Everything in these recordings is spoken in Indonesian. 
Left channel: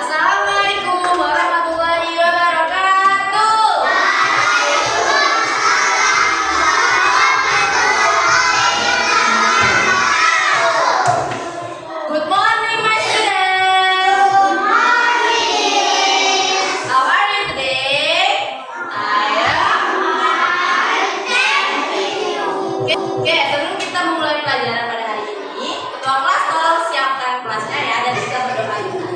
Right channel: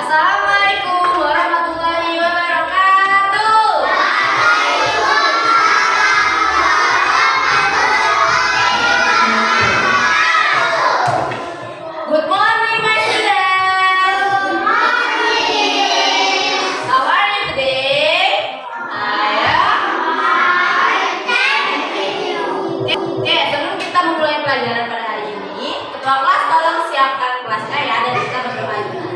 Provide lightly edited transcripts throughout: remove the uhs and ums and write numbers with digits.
Assalamualaikum warahmatullahi wabarakatuh. Good morning, my students. Good morning. How are you today? I am fine, thank you. Oke, sebelum kita memulai pelajaran pada hari ini, ketua kelas tolong siapkan kelasnya ya, dan kita berdoa dulu.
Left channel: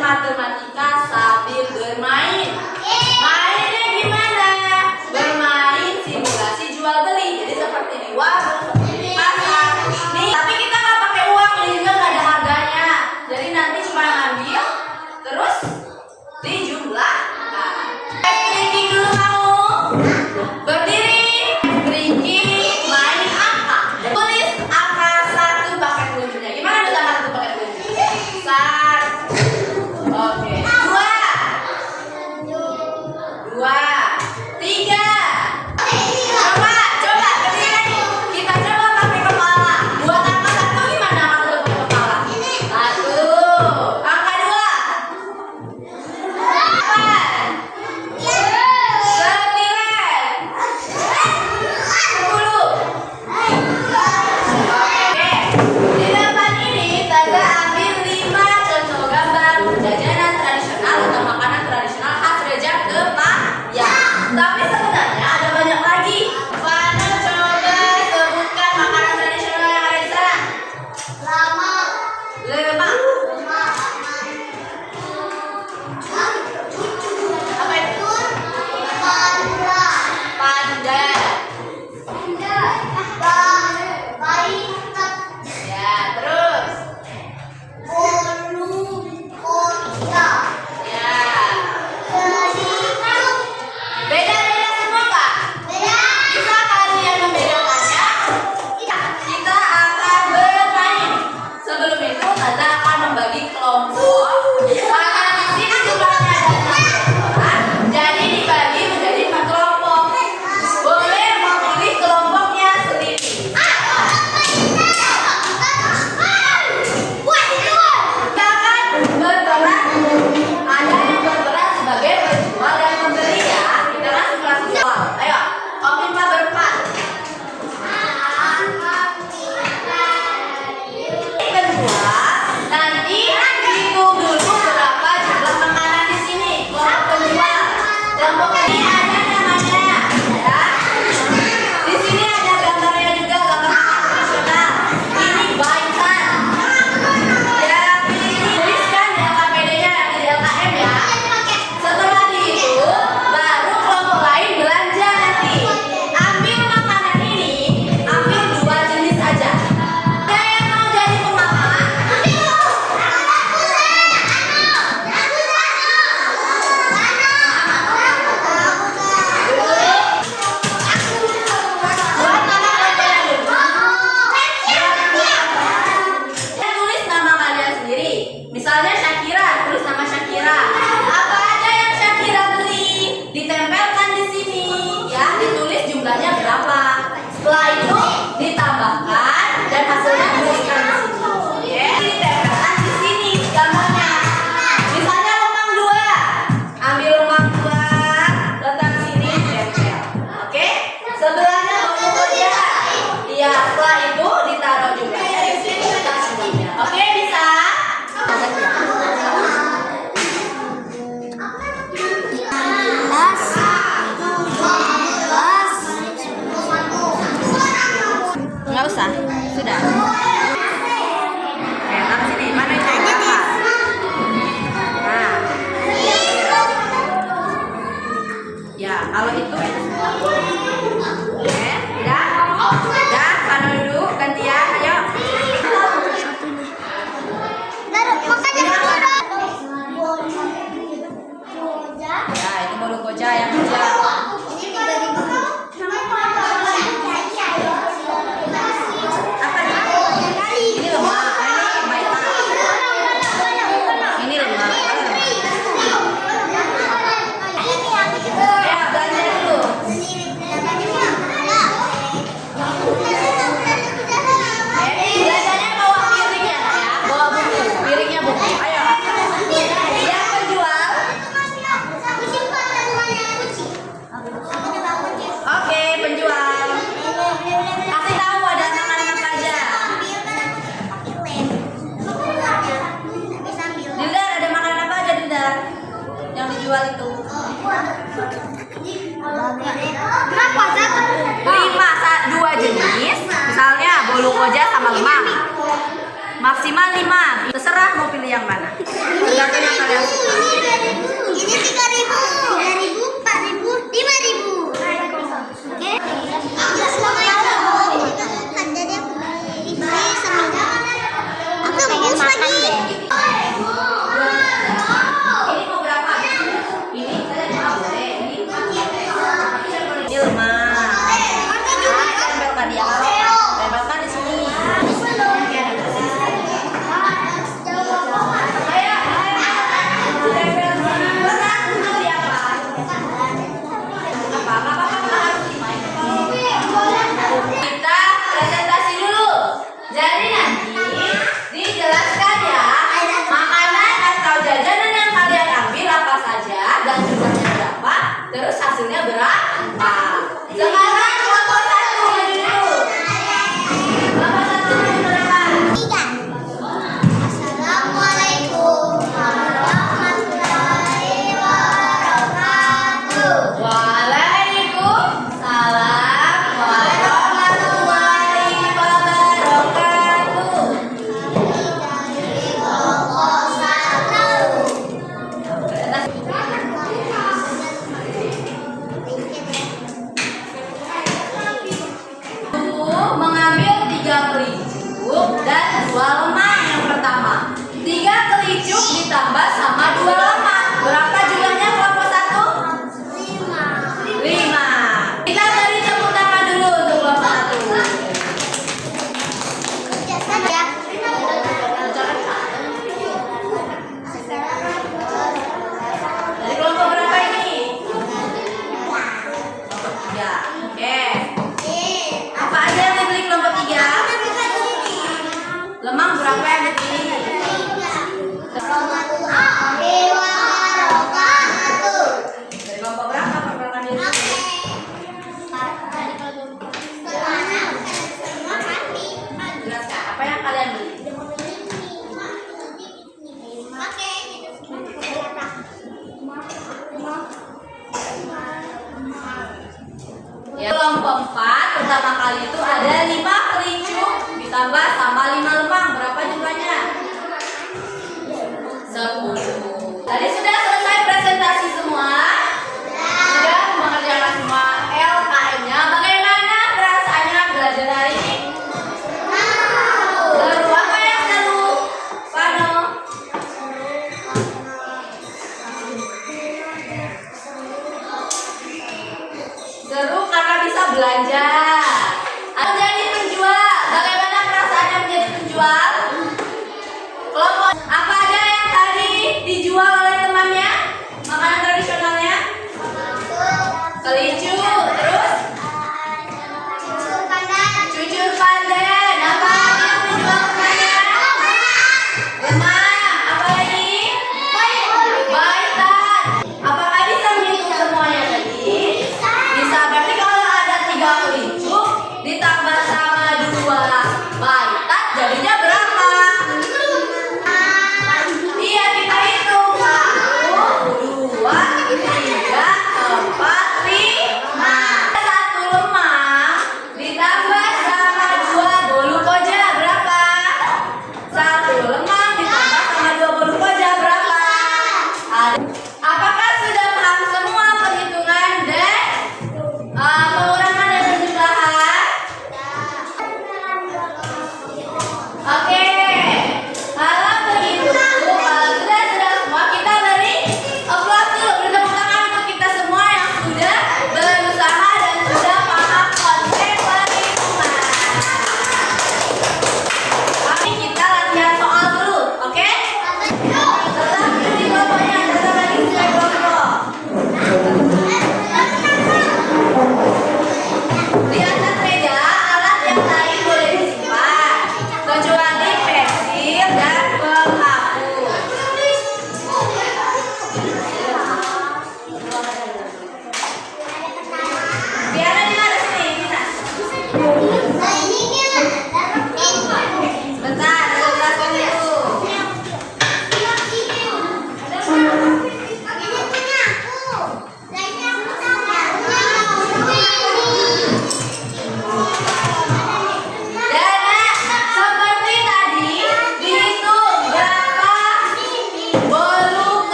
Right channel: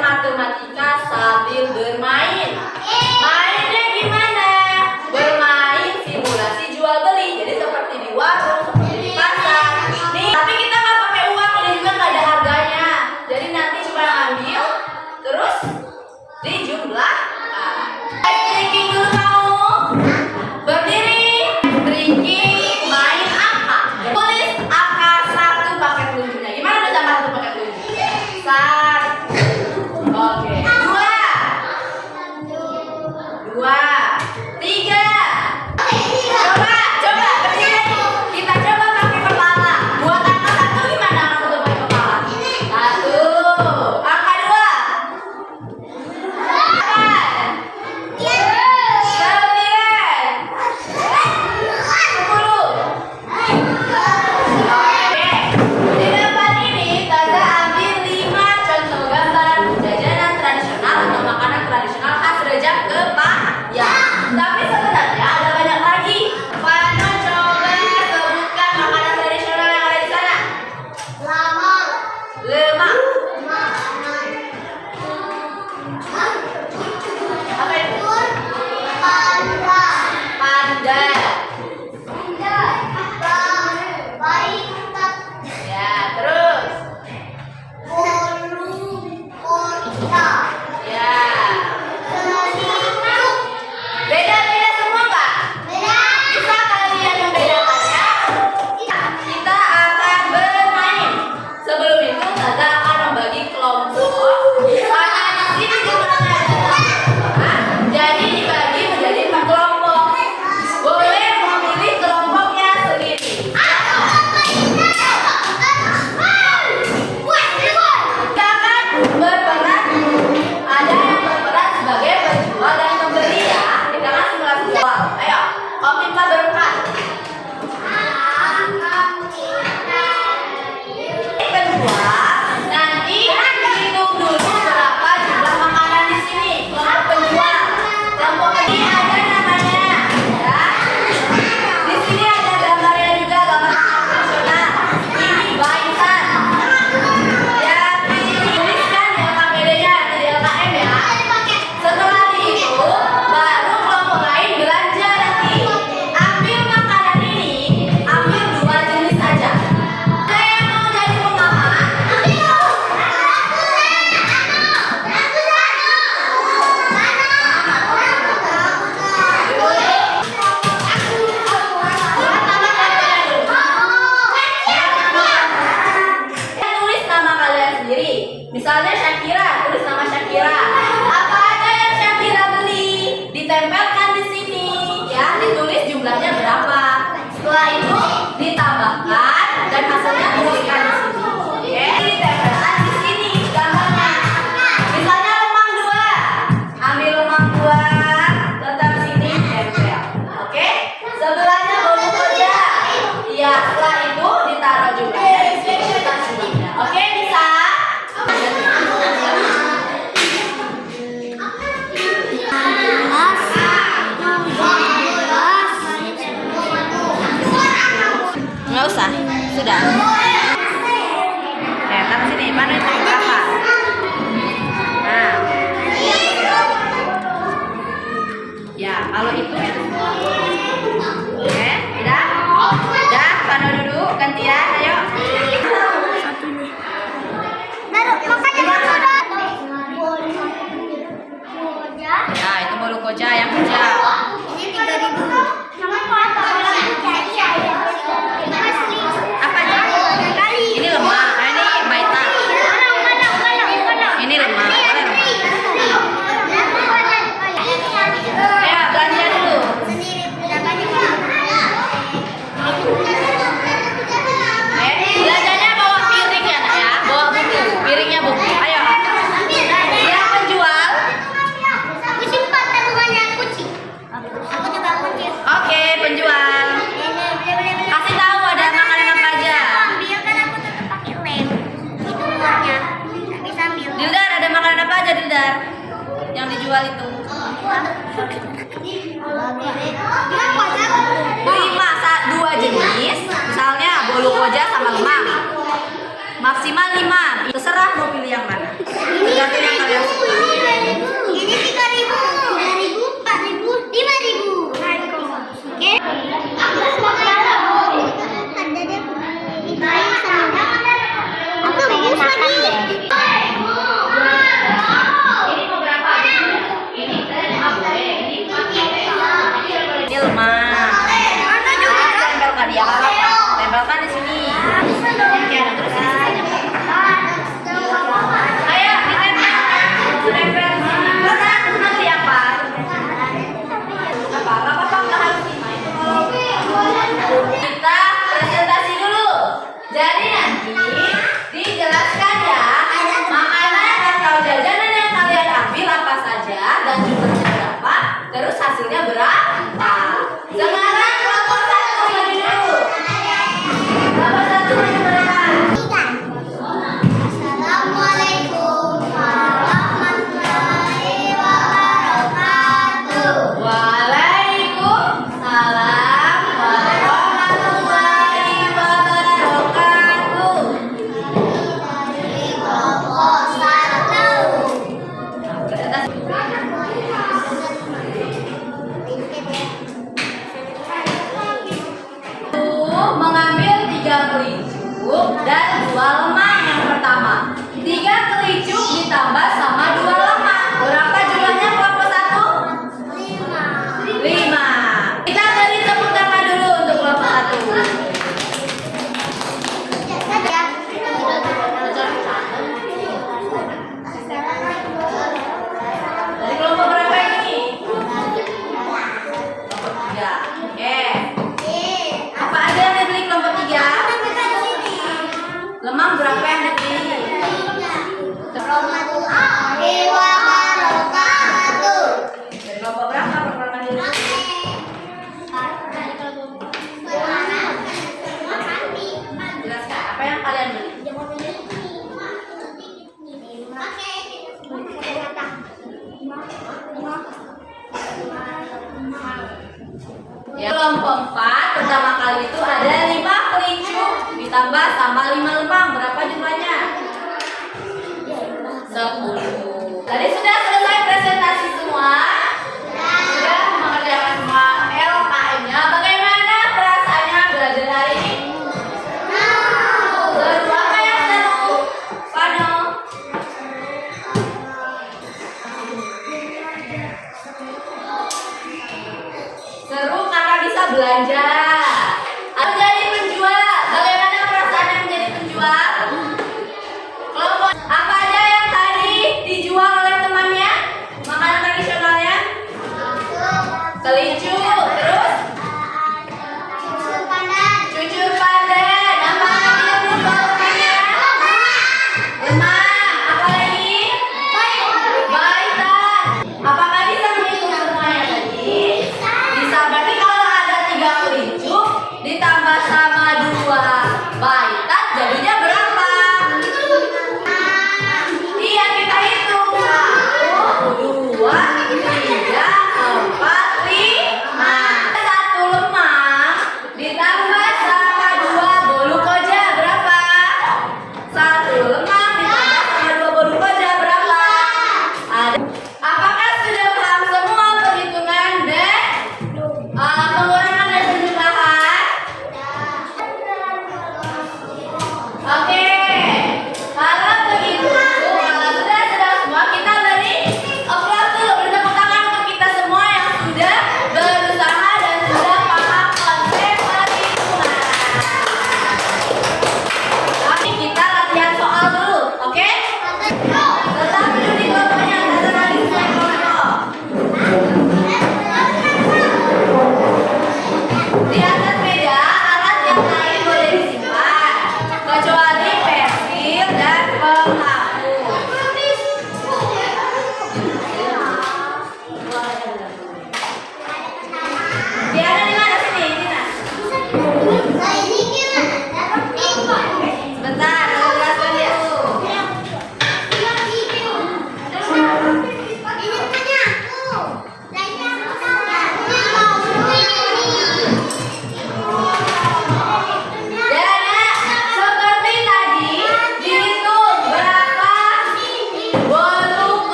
Matematika sambil bermain. Mainnya gimana? Bermain simulasi jual beli. Jadi seperti di warung, seperti di pasar. Nih, tapi kita nggak pakai uang, ini juga nggak ada harganya. Jadi nanti cuma ambil, terus dijumlahkan. Drinking dulu kamu. Berdiri, drinking, main angka. Tulis angka 1 pakai telunjuknya. Gimana tulis angka 1 pakai telunjuk? 1. Oke, 2, 3. Coba berdiri lagi. Kita coba pakai kepala. Buat angka 1 gimana angka 1 pakai kepala? 1. Angka 2. 8. 9. 10. Oke, di depan ini Taza ambil 5 contoh gambar jajanan tradisional atau makanan tradisional khas Rejang Kepayang. Tapi sebenarnya ada banyak lagi. Mana coba sebutkan makanan tradisional yang ada di sana? Lemak. Apa itu? Pandan. Ya, terus. Ya. Beda-beda semua, Pak? Bisa kalian membedakannya? Kita akan bermain. Sebelum itu, Taza akan membagi kelompok. Karena di sini jumlahnya ada 6 orang, jadi dibagi menjadi 4 kelompok. Boleh memilih kelompoknya sendiri. Kita akan rumuskan di sini. Oke, ditempelkan di sini gambarnya. Misalnya lemang 2. Ambil lemang 2, letak sini, tempel. Oke? Sebelahnya bolu koja. Iya, setelah itu ditaruh jumlahnya di sini, letak sini. Oke, bisa? Nggak usah, sudah. Letak sini, mana aja deh. Nah, ya kalau itu. Oke, udah, mana dulu gantian, ayo. Satu nih. Taruh, makanya kamu udah. Ya, itu bolu koja yang kecil. Ini 3.000. Apa aja? Ini lemah, ini baita. Ini lemah, boleh lemah. Ya, belanja dulu. Belanjanya bawa piring ya, nak ya. Bawa buku, piringnya buku. Ayo. Yang penjual. Oke, penjual. Kasih tahu ada makanan apa aja. Dildar, ada makanan apa aja, Dildar? Yang dijual itu. 2 jenis. Misalnya bolu koja sama lemang. Maksimal 5. Terserah mau pilih yang mana. Tergantung yang kalian suka. Ini 3.000, 4.000, 5.000. Oke. Aku pengen makan deh. Ini mau berapa? Ini saya 5 boleh. Ini lemah. Tempelkan dia apa? Tempelkan di sini. Ayo, tempel di sini. Terus nanti apa? Apa? Nggak apa-apa, nggak harus dimain. Kita presentasi dulu. Jadi nanti dijelaskan ya makanan atau jajanan yang kalian ambil apa saja dan jumlahnya berapa, terus hasilnya berapa. Sekarang kelompok 1 maju dulu. Kelompok 1 maju berapa? Assalamualaikum warahmatullahi wabarakatuh. Waalaikumsalam warahmatullahi wabarakatuh. Mengambil 3 kelicuk dan 2 lemang yang pertama. 3 kelicuk ditambah sama 2 lemang. Berapa jumlahnya kelompok 1? 5. Kita beri tepuk tangan dulu untuk kelompok 1. Dari kelompok berapa ini? Kelompok 3. Oke. Apa aja yang dibeli kelompok 3? Lemang berapa yang dibeli? Dari kelompok berapa perkenalan diri? Jelaskan apa yang kalian beli? Ya, kelompok 4 pertama kali itu ada 5 kelicuk ditambah sama 5 lemang. Berapa jumlahnya? 10. Tadi sudah selesai presentasi semua? Sudah mengerjakan semua LKM-nya. Bagaimana perasaannya belajar hari ini? Seru. Apa yang seru? Pano? Seru karena bisa belajar.